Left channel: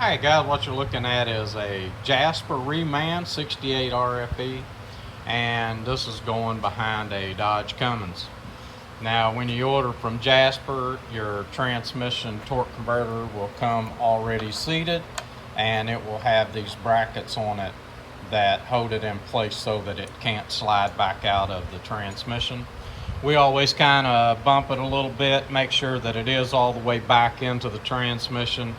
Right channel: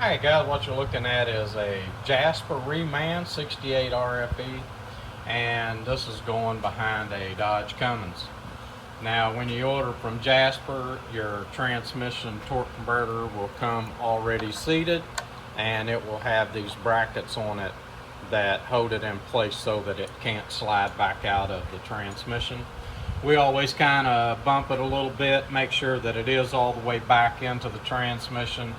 Hey guys, what you're looking at is a Jasper Reman 68 RFE, and this is going behind a Dodge Cummins. Now when you order from Jasper, your transmission torque converter will come already seated, and it will have these brackets on it that hold it in place so that it can't slide back out of the transmission. We always kind of bump it a little bit, make sure that it is all the way back into the transmission,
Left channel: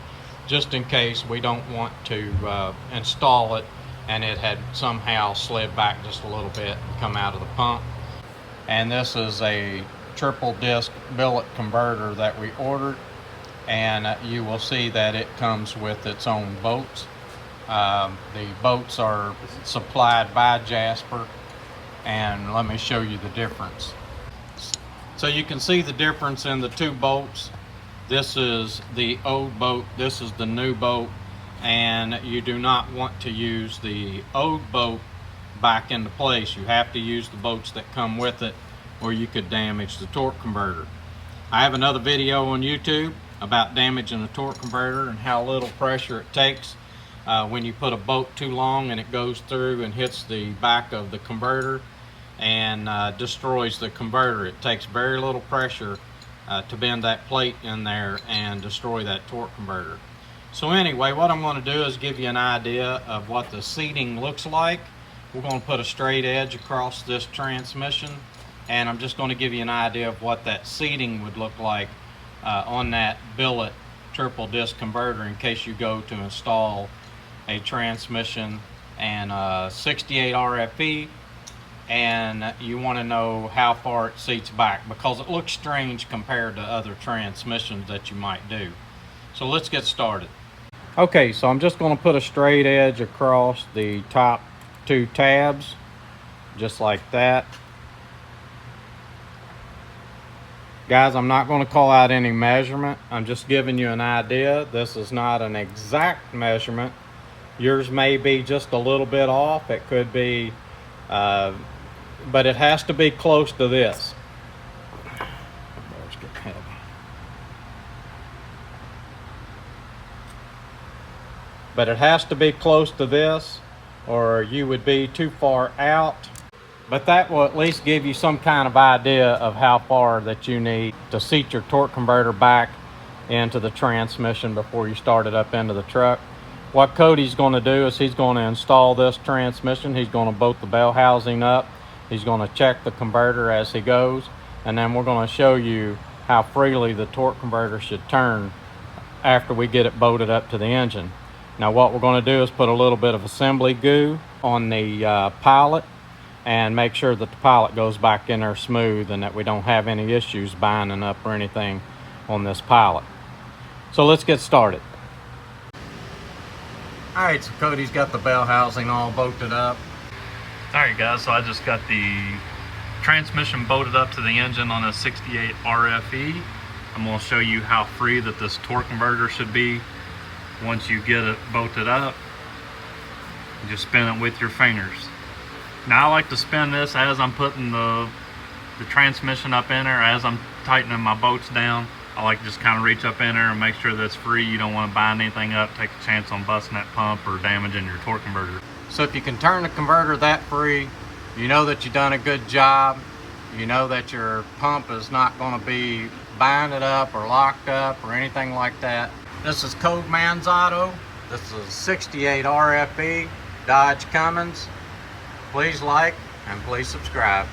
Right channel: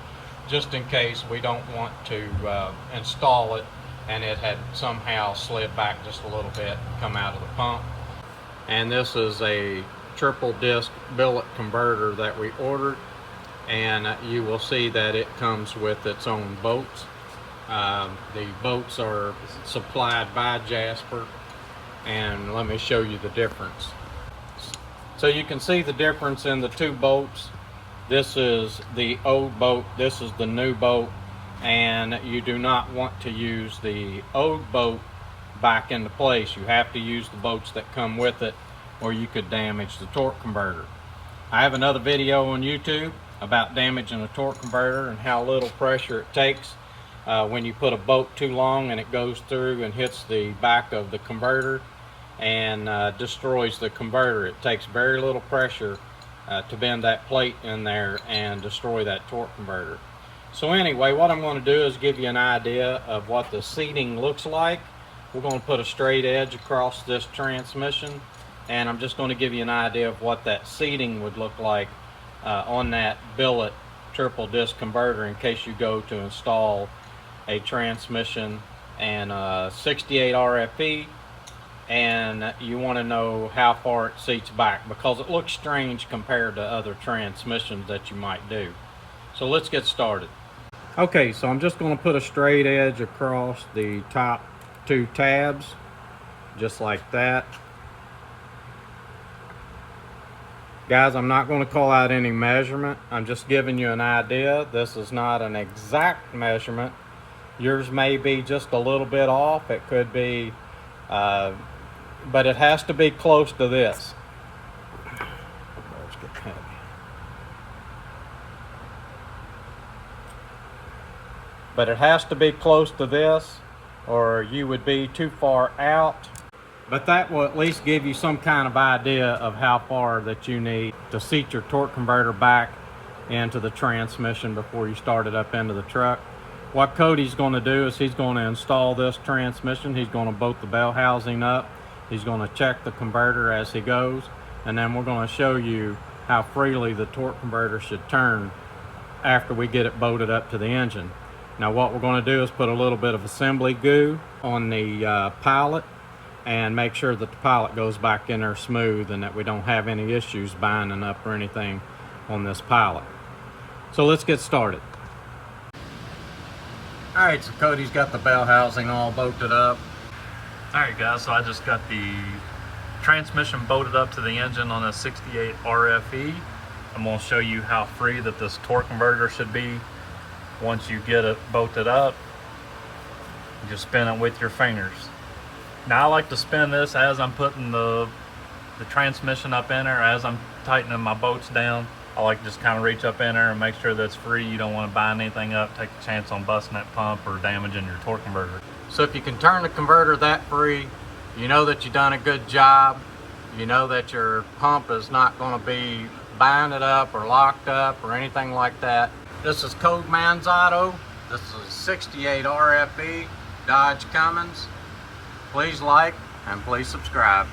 just in case we don't want to install it and it had somehow slid back just a little bit and come out of the pump. And this is a triple disc billet converter that we ordered, and you will see that it comes with its own bolts. The bolts are supplied by Jasper, and let me show you the difference. So you can see the difference in the two bolts. This is the old bolt, this is the new bolt, and you do not want to use the old bolt back into place. You have to use the bolts that come with it, or you could damage the torque converter. I have another video on YouTube about damaging the torque converter and how little pressure it takes when you put a bolt too long and it goes through and hits the back of the converter and destroys the converter. It takes very little pressure to bend that plate in there and destroy that torque converter. So anyway, what I'm going to do is give you an idea of what the seating looks like. We're going to put a straight edge across this transmission, and I'm just going to give you an idea of what that seating would look like on that billet triple disc converter in case you go to install a transmission and 68 RFE and you want to know how far it seats back, because it looks strange compared to other transmissions that you might do. So let's get started. Okay, so I'm just going to put a straight edge across the top two tabs, just like that. Guys, I'm not going to call out any measurement. I'm just giving you an idea. This is not an exact measurement. Yours may be just a little bit off. It could be but it has to be close to this. But it has to be close to this, or you would be too far out. But that will at least give you some kind of idea of how far that you need to seat your torque converter back into the transmission before you start it up into the truck. What Cody's going to do is he's going to install this transmission. He's going to bolt the bell housing up. He's going to check the converter as he goes, and then we're going to show you how freely the torque converter should turn after we get it bolted up to the engine. Now what we're going to do is put a little bit of assembly goo on the pilot and make sure that the pilot goes back in there smooth and that we don't have any issues binding up or anything on this pilot. So let's get started. Alright, so Cody's got the bell housing all bolted up. Alright guys, so I just got the transmission bolted up to the engine on a 68 RFE. I'm going to show you how free that this torque converter should be once you get it bolted up. You just spin it with your fingers. Now I like to spin this as I'm putting the transmission up in there, as I'm tightening my bolts down. I like to just kind of reach up in there and make sure that's free. You don't want to bind anything up, take a chance on busting that pump or damaging your torque converter. So if you can turn the converter that free, you know that you've done a good job. You know that your pump is not going to be binded up or locked up or anything like that. This is Code Manzotto. This is 68 RFE Dodge Cummins. Please like and please subscribe.